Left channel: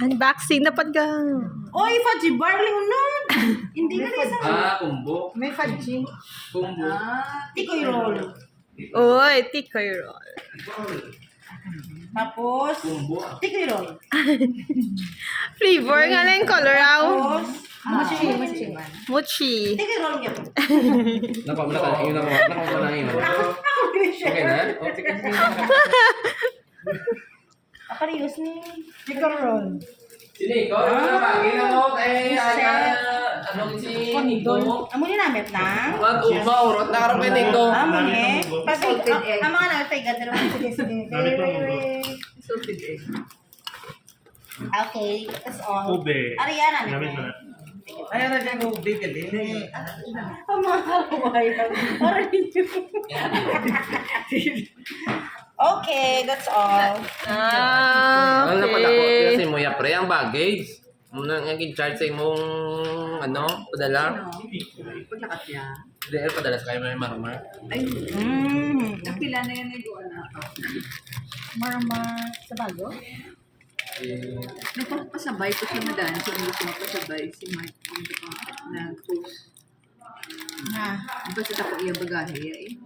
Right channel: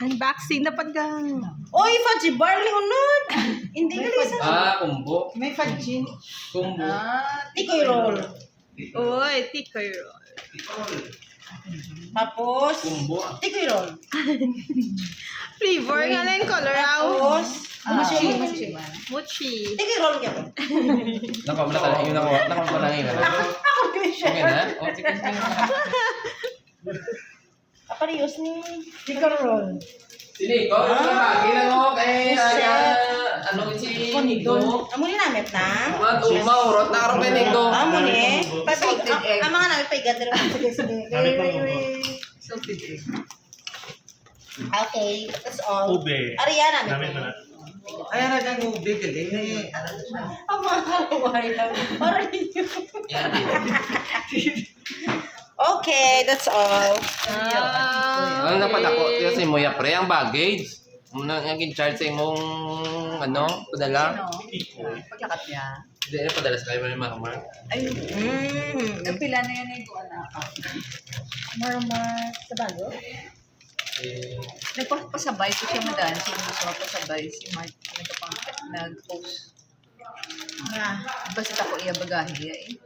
Unboxing na paggang. Oy, fudgy bar lihonon. Hindi ka rin sa... Kumbo. May fudgy. Kumbo. Tikoy roll. Uy, tikoy roll. Tapos, Kumbo. tikoy roll. Flavor nga lang color out. Tapos, Mochi. tikoy roll nga to. Nako pa na yun. Ako din siya. Okay na? O, sige. Apariyos ni tikoy roll. Sini ko, ginawa mo kay ano si Nico. Amo ni namet na. Maurot na karap kay Nico. Amo ni. Ang mga namin pay gather mo. Sige. Salted egg. Okay, that's all. Ube. Ariana Namin namin. na. Ay, na dyan ube ka din. Ang mga kaluhay lang. Okay, that's all. Ano na pala ko kasi mo ya pre ang baggage. Muna nga gin-charge sa imong ano, padala. Paglakat niya. Hindi na padala sa kayo may marumar. Ay, kapila na yan ay doon na ako. Marmar sa bago? Nagpapasabay ko siya madaan. Si gusto mapasabay. Si Mark nag-post. Na. Ang pasit ako iya bagahe.